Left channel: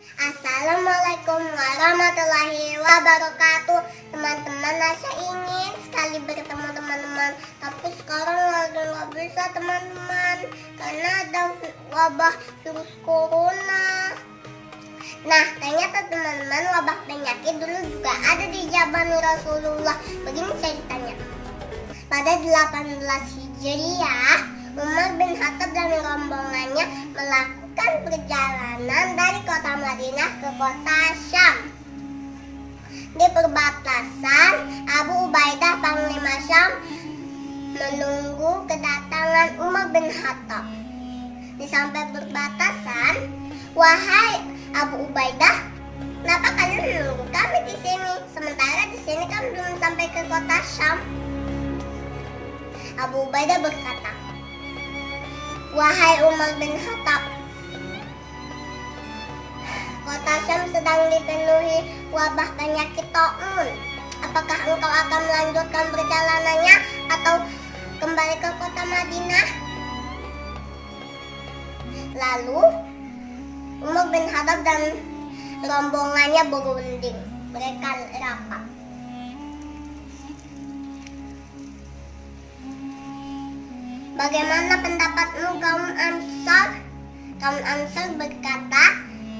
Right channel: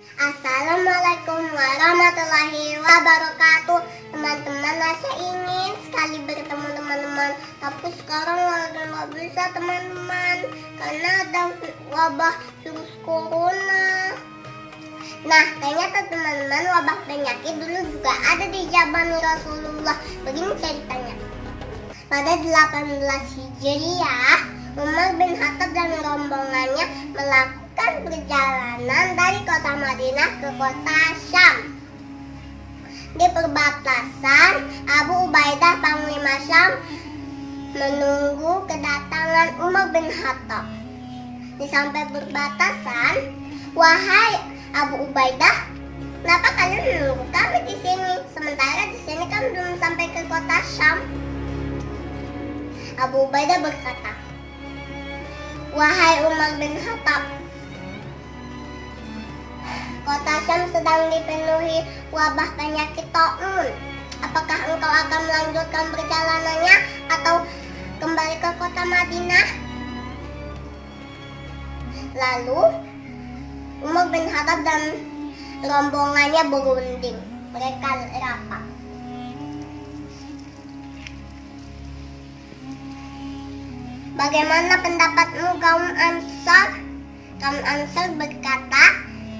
Assalamualaikum warahmatullahi wabarakatuh. Teman-teman, saya ingin sekali bertemu teman-teman, tapi sekarang lagi nggak bisa teman-teman karena ada wabah virus corona. Nah, ternyata teman-teman, wabah penyakit dulu juga ada di zaman Rasulullah. Begini ceritanya. Pada 18 Hijriah, Umar bin Khattab dan rombongannya melakukan perjalanan dari kota Madinah ke kota Syam. Di perbatasan, Abu Ubaidah Panglima Syam menunggu kedatangan Umar bin Khattab. Di sampai perbatasan, "Wahai Abu Ubaidah, kenapa kalian menunggu kami di sini? Sementara di sini kami belum sampai ke kota Syam." Abu Ubaidah berkata, "Wahai Umar bin Khattab, kota Syam sedang dipenuhi wabah penyakit taun. Apakah engkau akan melanjutkan perjalanannya atau kembali ke kota Madinah?" Lalu Umar bin Khattab dan rombongannya berunding. Mereka rapat. "Bagaimana pendapatmu kaum Ansar?" Kaum Ansar berkata,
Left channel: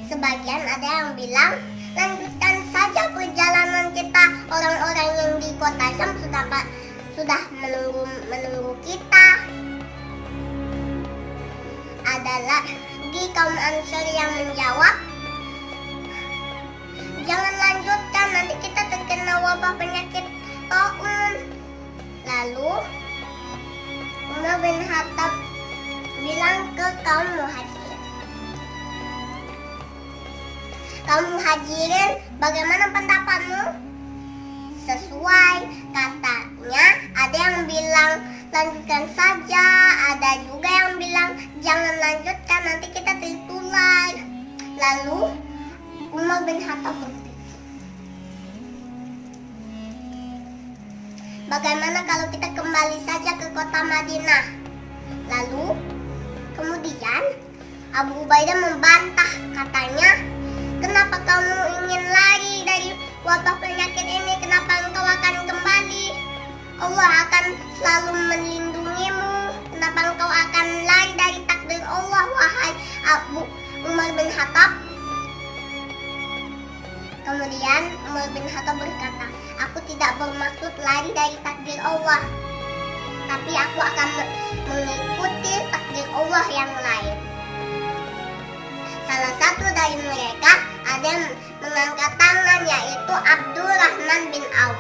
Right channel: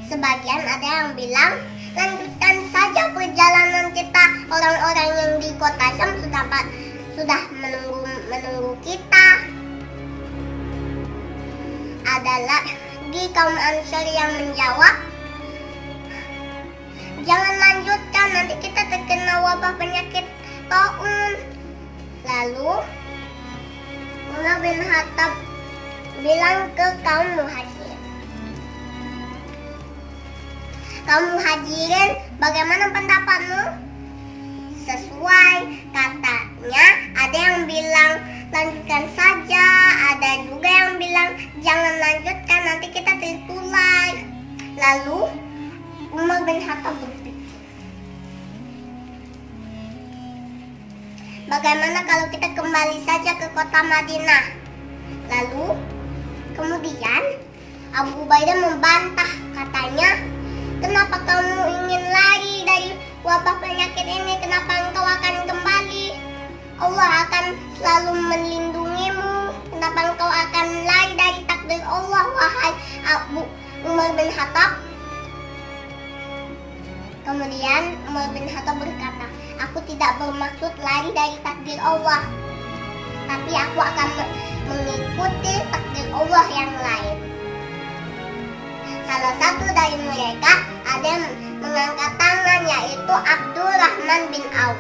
sebagian ada yang bilang, "Lanjutkan saja perjalanan kita. Orang-orang yang di kota Syam sudah menunggu kita." Ada lagi kaum Ansar yang menjawab, "Jangan lanjutkan, nanti kita terkena wabah penyakit taun." Lalu Umar bin Khattab bilang ke kaum Muhajirin, "Kaum Muhajirin, bagaimana pendapatmu?" Sesuai katanya, ada yang bilang lanjutkan saja, ada juga yang bilang jangan lanjutkan, nanti kita tertular. Lalu Umar bin Khattab berpikir, bagaimana kalau kita kembali saja ke kota Madinah? Lalu kemudian Abu Ubaidah membantah, katanya, "Kenapa kamu ingin lari dari wabah penyakit ini? Kenapa engkau akan kembali? Allah akan selalu melindungimu. Kenapa engkau akan lari dari takdir Allah, wahai Abu Umar bin Khattab?" Kemudian Umar bin Khattab berkata, "Aku tidak bermaksud lari dari takdir Allah, tapi aku akan mengikuti takdir Allah yang lain." Salah satu dari mereka ada yang mengangkat tangan, yaitu Abdurrahman bin Auf.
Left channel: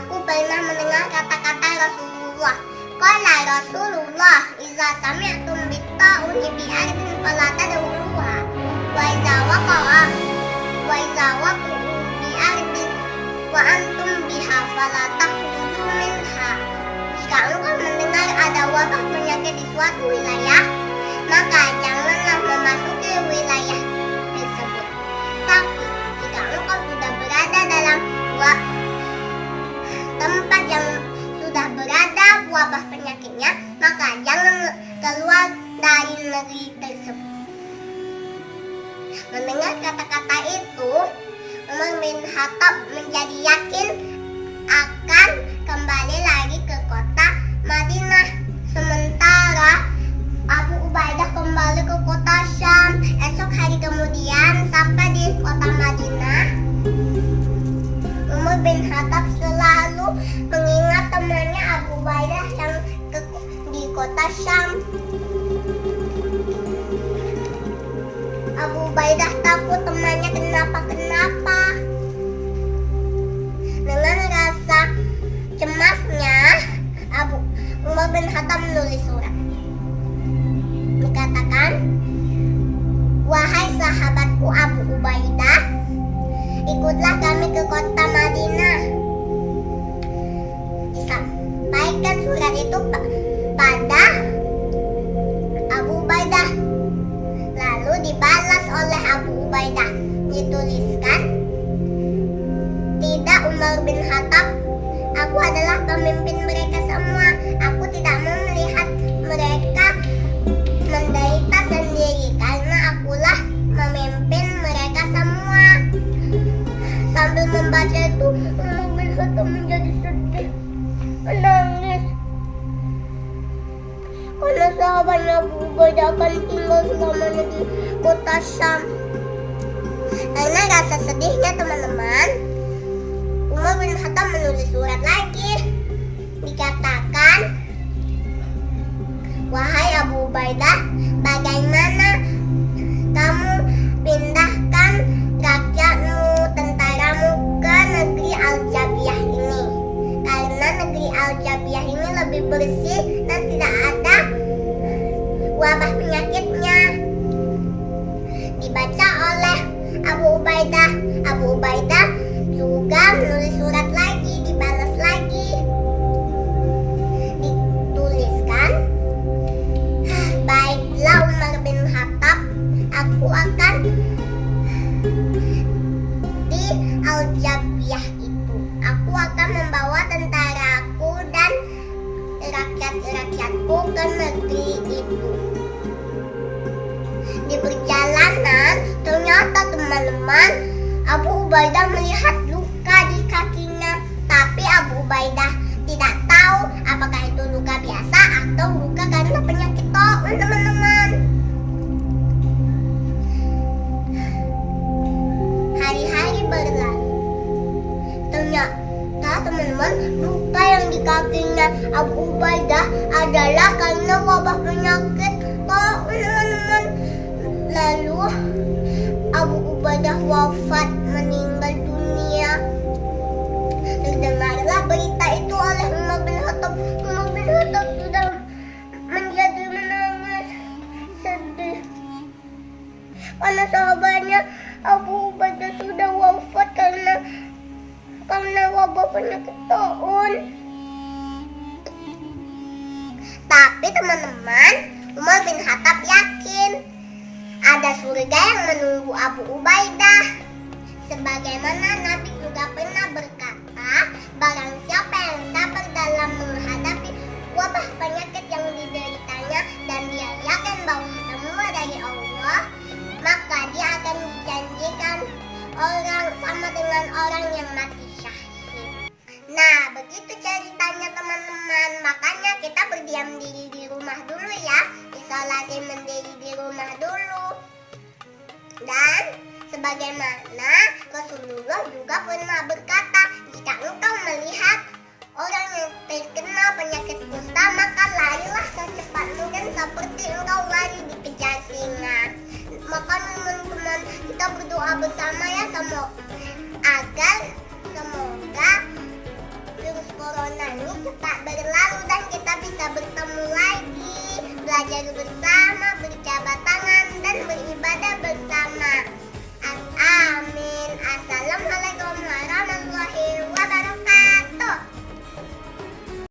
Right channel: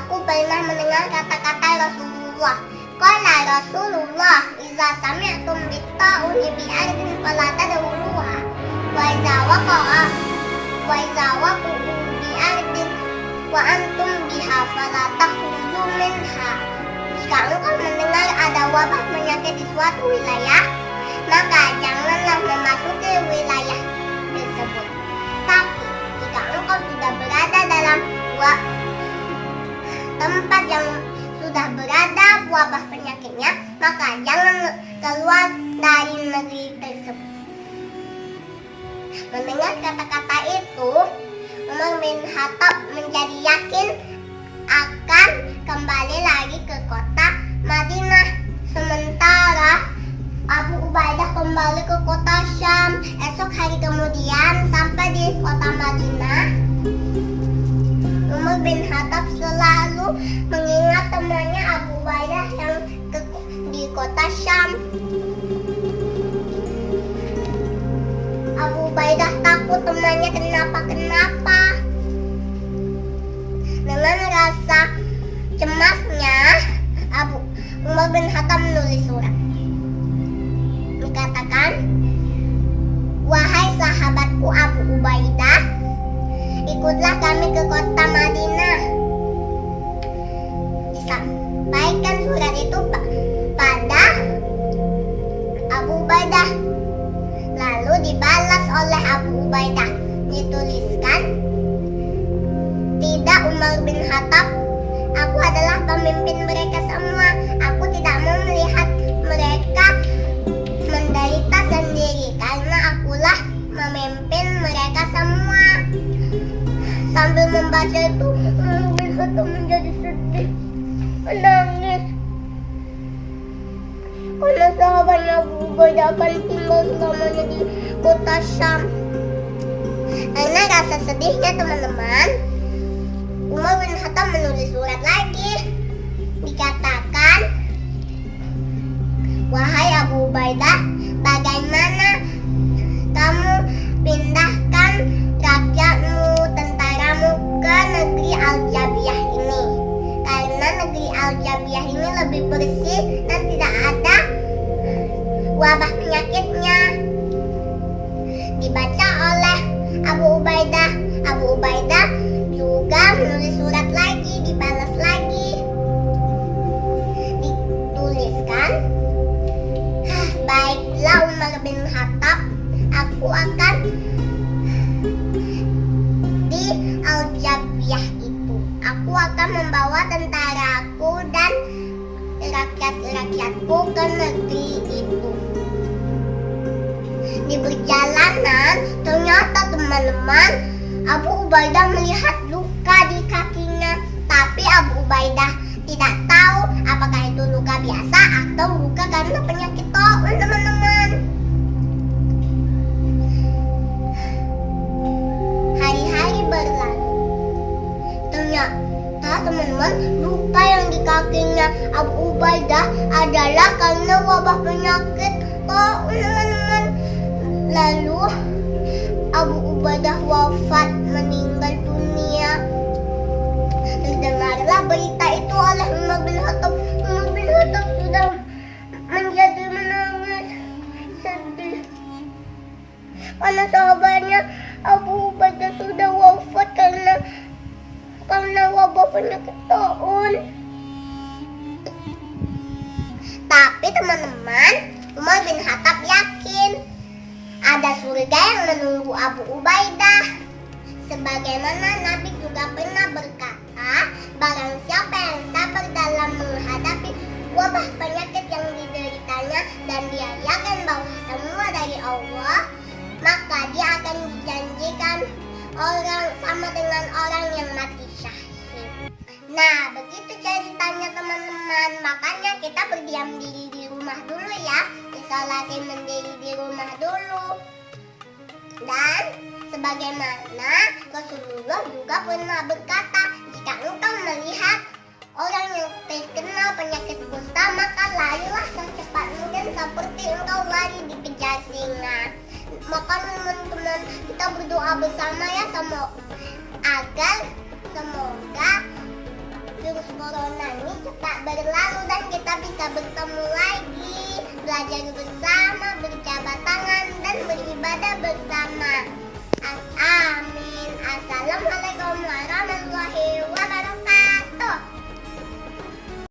"Aku pernah mendengar kata-kata Rasulullah. Qala Rasulullah, iza sami'tum bitta'uni bi'ardin fala tadkhuluha. Wa iza waqa'a bi'ardin wa antum biha fala takhruju minha." Jika engkau mendengar ada wabah penyakit di suatu wilayah, maka janganlah memasuki wilayah tersebut. Tapi jika engkau sudah berada dalam tempat yang sudah berada wabah penyakitnya, maka jangan keluar dari negeri tersebut. Mendengar kata-kata itu, Umar bin Khattab menjadi yakin akan kembali lagi ke kota Madinah. Sementara Abu Ubaidah kembali ke kota Syam. Esok hari kemudian sampai di kota Madinah, Umar bin Khattab selalu mengingat temannya Abu Ubaidah yang di kota Syam. Abu Ubaidah takut temannya kenapa-kenapa. Dengan rasa cemasnya, Umar bin Khattab menulis surat. Dikatakan, "Wahai sahabatku Abu Ubaidah, ikutlah kami ke kota Madinah." Disampaikan surat itu pada Abu Ubaidah. Lalu dibalas oleh Abu Ubaidah. Dituliskan, "Tidak Umar bin Khattab, aku adalah pemimpin mereka semua. Aku tidak mau melihat mereka menderita sendiri karena akulah sambil membaca itu bin Khattab menjadi sedih, menangis. Karena sahabatnya Abu Ubaidah akan tinggal selamanya di kota Syam. Karena rasa sedihnya teman-teman, Umar bin Khattab menulis surat lagi. Dikatakan, wahai Abu Ubaidah, bagaimana kamu pindahkan rakyatmu, tentaramu ke negeri Al-Jabiyah ini? Karena negeri Al-Jabiyah ini lebih bersih dan tidak ada wabah penyakitnya. Dibaca oleh Abu Ubaidah. Abu Ubaidah juga menulis surat lagi, dibalas lagi. Dituliskan, baiklah Umar bin Khattab, aku akan di Al-Jabiyah itu. Aku akan membawa tentaraku dan rakyat-rakyatku ke negeri itu. Di perjalanan, ternyata teman-teman, Abu Ubaidah melihat luka di kakinya. Tapi Abu Ubaidah tidak tahu apakah itu luka biasa atau luka karena penyakit taun, teman-teman. Hari-hari berlalu. Ternyata teman-teman, luka yang di kakinya Abu Ubaidah adalah karena wabah penyakit taun, teman-teman. Lalu Abu Ubaidah wafat, meninggal dunia. Terdengarlah berita itu oleh Umar bin Khattab. Umar bin Khattab sudah menjadi menangis, sedih. Karena sahabatnya Abu Ubaidah sudah wafat karena wabah penyakit taun. Tapi teman-teman, Umar bin Khattab yakin ada surga yang menunggu Abu Ubaidah. Sebagaimana Nabi juga pernah berkata, barang siapa yang sabar dalam menghadapi wabah penyakit yang dideritanya dan dia yakin bahwa semua dari Allah, maka dia akan dijanjikan orang sama dengan orang yang mati syahid. Nah, begitu ceritanya teman-teman. Makanya kita berdiam diri di rumah dulu ya. Isolasi mandiri di rumah dulu. Dan sebagaimana Rasulullah juga pernah berkata, jika engkau melihat orang yang terkena penyakit kusta, maka larilah secepat mungkin seperti engkau lari dikejar singa. Maka teman-teman, kita berdoa bersama ya, agar semoga virus corona ini cepat berlalu dan kita bisa bertemu lagi, belajar bersama, berjabat tangan, dan beribadah bersama.